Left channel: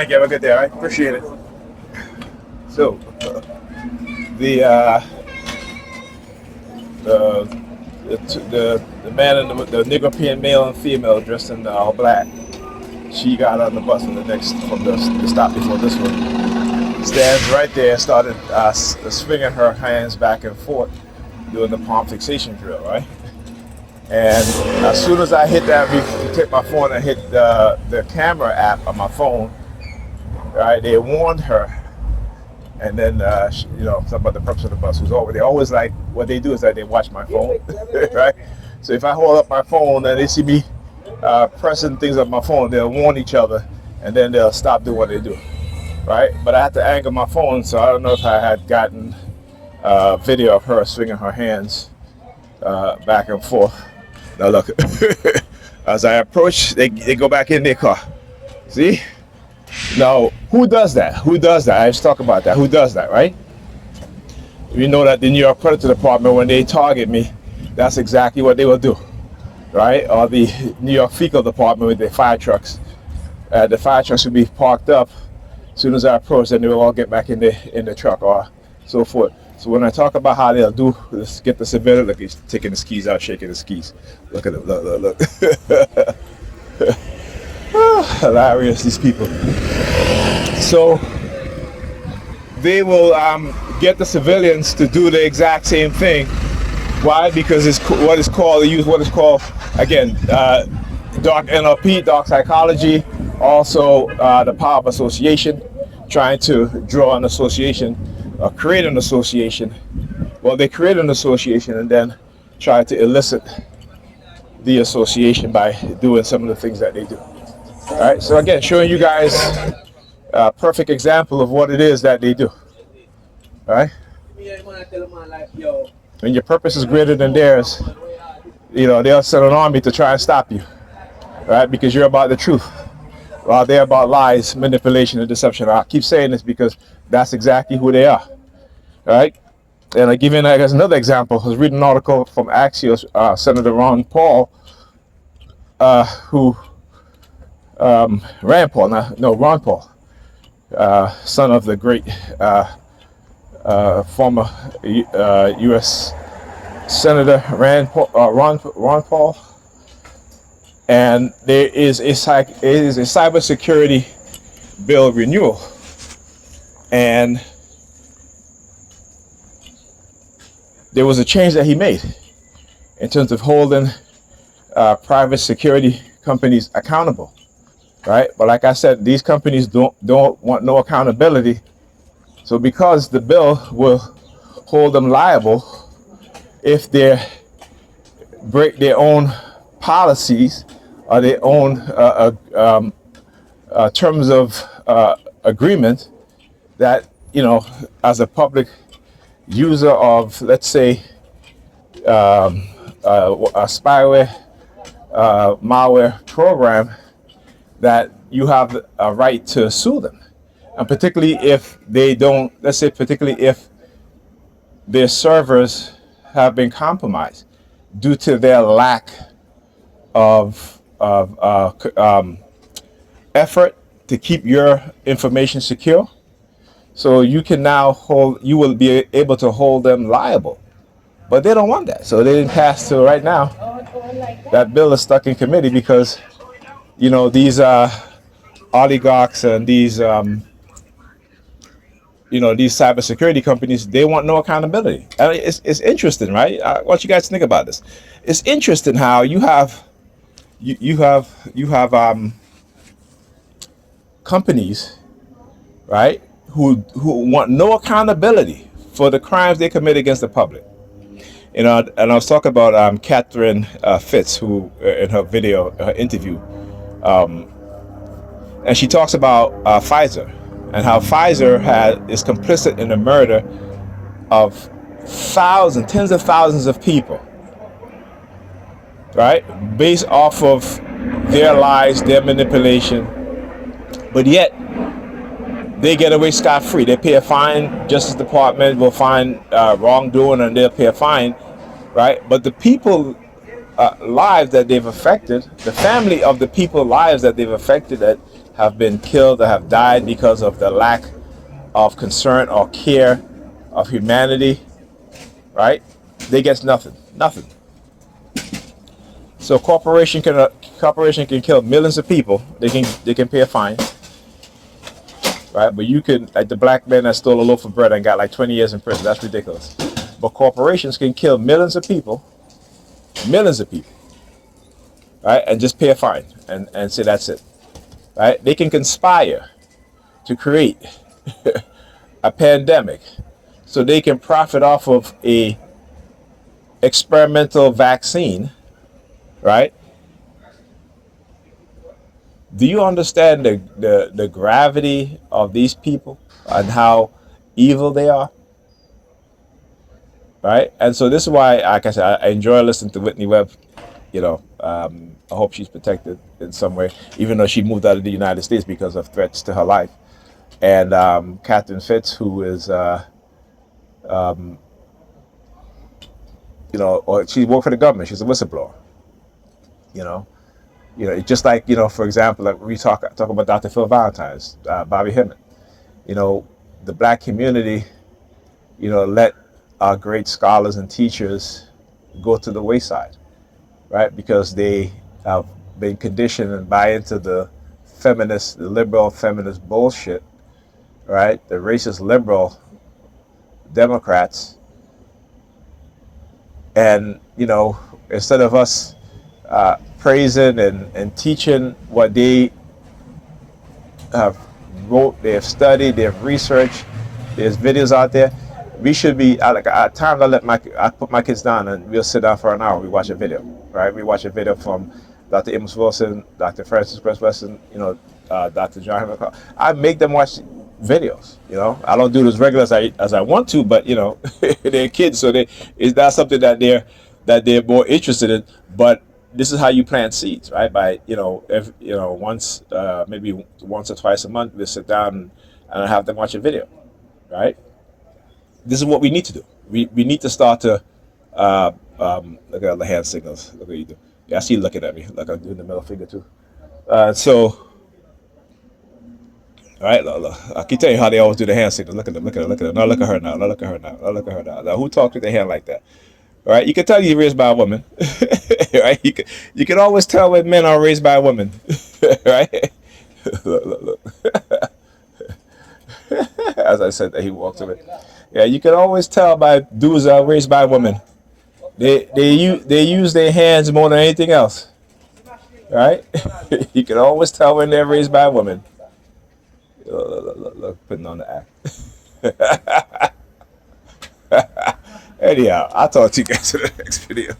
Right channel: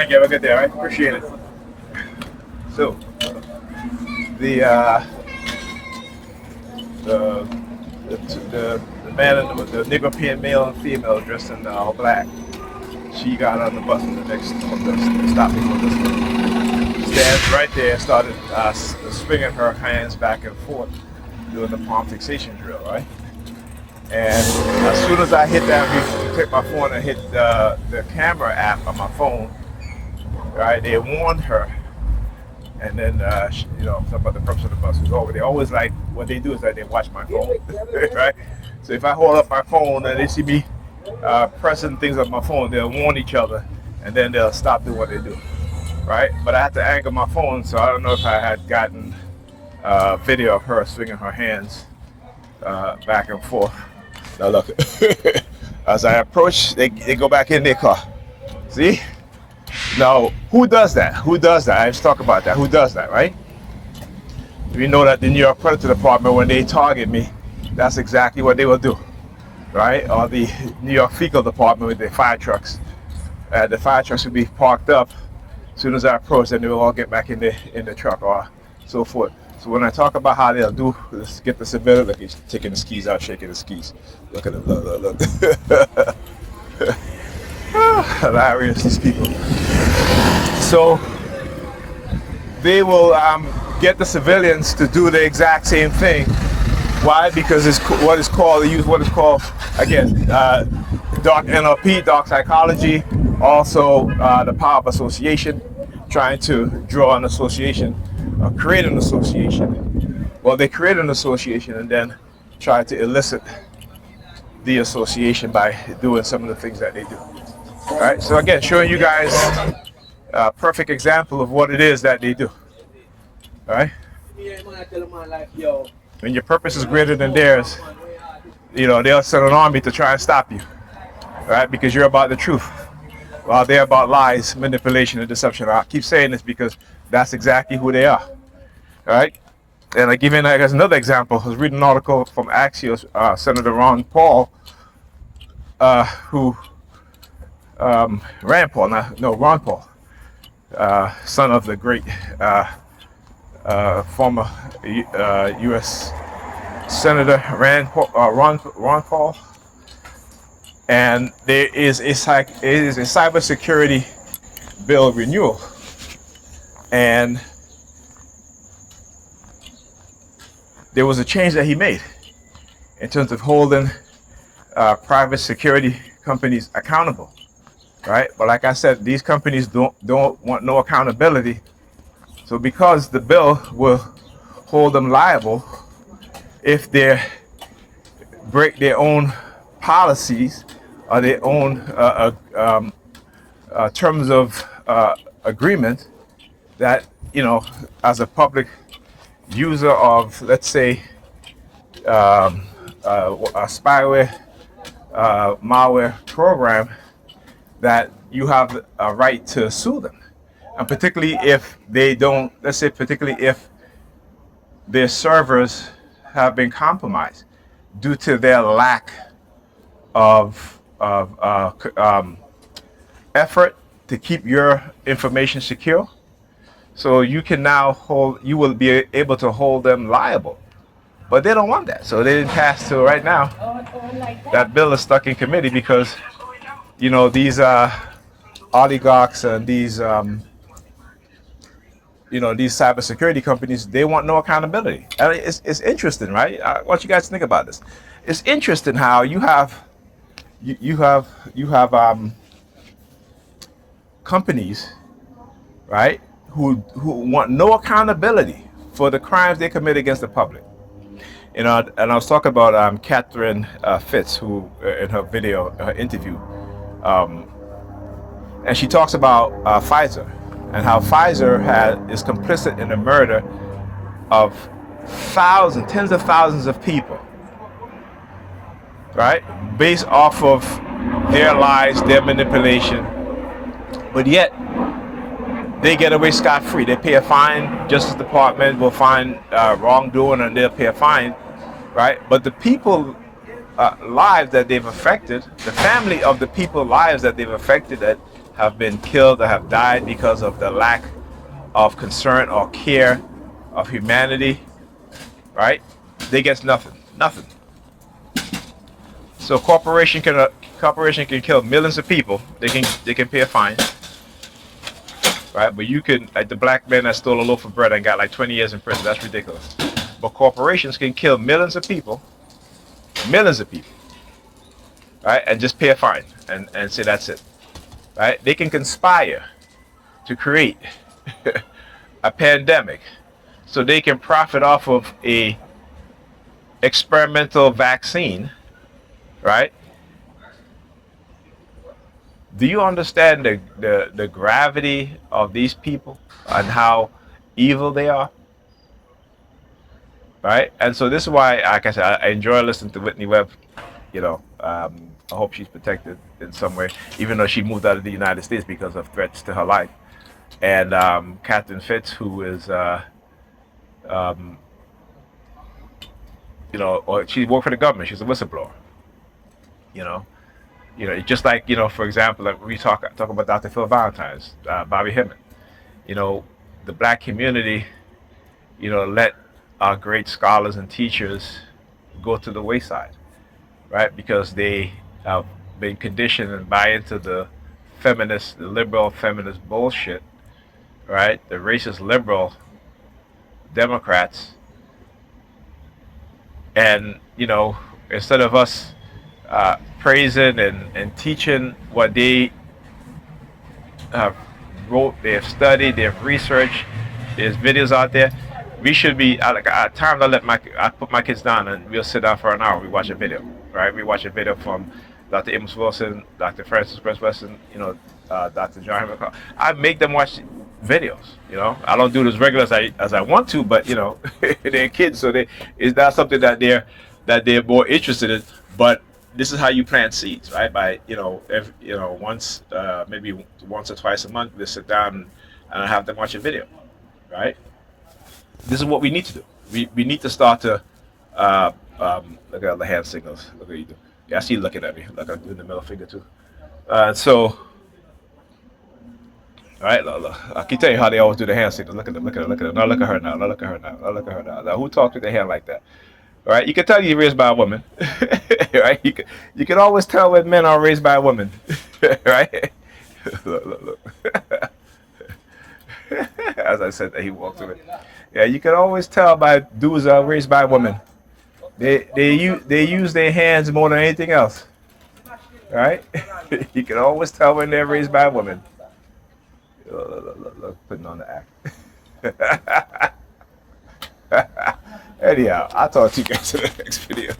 Thank you. Have a good day. All right. Appreciate it. So, the the the man and the Negropean male and female dressed in all black. She got on the bus from the stop before this one. Stands right there, started swinging her hands back and forth, doing the palm fixation drill, right? And as soon as I hit that, take my phone and hit the camera app on my phone, right? They warned her, and then something about the purpose of the bus was over. They always like what they do is that they watch my phone, right? So if I hold up my phone and they see me pressing things on my phone, they'll warn each other, and then they'll stop doing what they do, right? But I had to angle my phone, so I don't know if I had gotten a video of her swinging her hands back and forth. Now look, as I approach, they go back in their car. See? Now, who does that? Who does that? I just talk about that. Who does that, right? We know that the New York Predator Department, when they target me, that's exactly what they will do, right? Or the New York Fecal Department with their fire trucks. The fire trucks will be parked up. As soon as I approach, then they will all get back in the truck or so forth. So when I talk about how they'll do this, get the civilian, look, he's taking the skis out, shaking the skis. Look at it, look. Hilarious, these people. So they will get the civilians to do the exact same thing. Why? Because it's what is called, they use what is called, again, dark NLP, dark psychology, also the power of association, trying to draw an association, create an association. Well, they create an association and then try to elicit the association by doing some of the things that they do. All right, so again, showing you guys a perfect example of what it is that they do. All right? When your purpose is greater than theirs, they'll send an army to try and stop you, right? Because you're about the truth, while they're about lies, manipulation, and deception. I keep saying this because that's exactly who they are, right? And I give you another example. I was reading an article from Axios, Senator Ron Paul, who Rand Paul, Ron Paul, son of the great former U.S. Senator Ron Paul, and there is a cybersecurity bill renewal, and there was a change that he made in terms of holding private security companies accountable, right? But like I said, these companies don't want no accountability. So because the bill will hold them liable if they break their own policies or their own terms of agreement, that as a public user of, let's say, a spyware, malware program, that you have a right to sue them. And particularly if they don't, let's say particularly if their servers have been compromised due to their lack of effort to keep your information secure. So you will be able to hold them liable. But they don't want that. So they didn't pass. So right now, that bill is stuck in committee because, these oligarchs and these, these cybersecurity companies, they want no accountability. I mean, it's interesting, right? I want you guys to think about this. It's interesting how you have companies, right, who want no accountability for the crimes they commit against the public. And I was talking about Catherine Fitz, who in her video, her interview, and she talks about Pfizer and how Pfizer is complicit in the murder of tens of thousands of people, right? Based off of their lies, their manipulation, but yet they get away scot-free. They pay a fine. Justice Department will find wrongdoing and they'll pay a fine, right? But the people lives that they've affected, the family of the people lives that they've affected that have been killed or have died because of the lack of concern or care of humanity, right? They get nothing, nothing. So corporation can kill millions of people. They can pay a fine, right? But you can, like the black man that stole a loaf of bread and got like 20 years in prison. That's ridiculous. But corporations can kill millions of people, right? And just pay a fine and say that's it, right? They can conspire to create a pandemic so they can profit off of a experimental vaccine, right? Do you understand the gravity of these people and how evil they are, right? And so this is why, like I said, I enjoy listening to Whitney Webb. I hope she's protected in some way, even though she moved out of the United States because of threats to her life. And Catherine Fitz, who is, or she worked for the government. She's a whistleblower. You know, just like for example, like we talk about Dr. Phil Valentine's, Bobby Hemmett. The black community, let our great scholars and teachers go to the wayside, right? Because they have been conditioned and buy into the liberal feminist bullshit, right? The racist liberal Democrats. And, instead of us praising and teaching what they have wrote, they have studied, they have researched, there's videos out there. We should be like at times I put my kids down and we'll sit down for an hour. We watch a video, right? We watch a video from Dr. Amos Wilson, Dr. Francis Press Wesson, Dr. John McCall. I make them watch videos. I don't do it as regular as I want to, but they're kids, so it's not something that they're more interested in. But this is how you plant seeds, right? By once maybe once or twice a month, we sit down and have them watch a video, right? This is what we need to do. We need to start to look at all the hand signals. Look at you do. Yeah, I see you looking at me. Look, I'm doing the middle finger too. All right, look. I can tell you how they always do the hand signals. Look at them, look at them, look at them. Now look at her now. Now look at her now. Now look at her now. Now who talks with their hand like that? All right, you can tell you're raised by a woman. Right? You can always tell when men are raised by a woman. Right? Look. As I said, that he walked away. Yeah, you can always tell by dudes that are raised by women. They use their hands more than anything else. Right? You can always tell when they're raised by a woman. Look, putting on the act. Anyhow, I'll talk to you guys in the next video.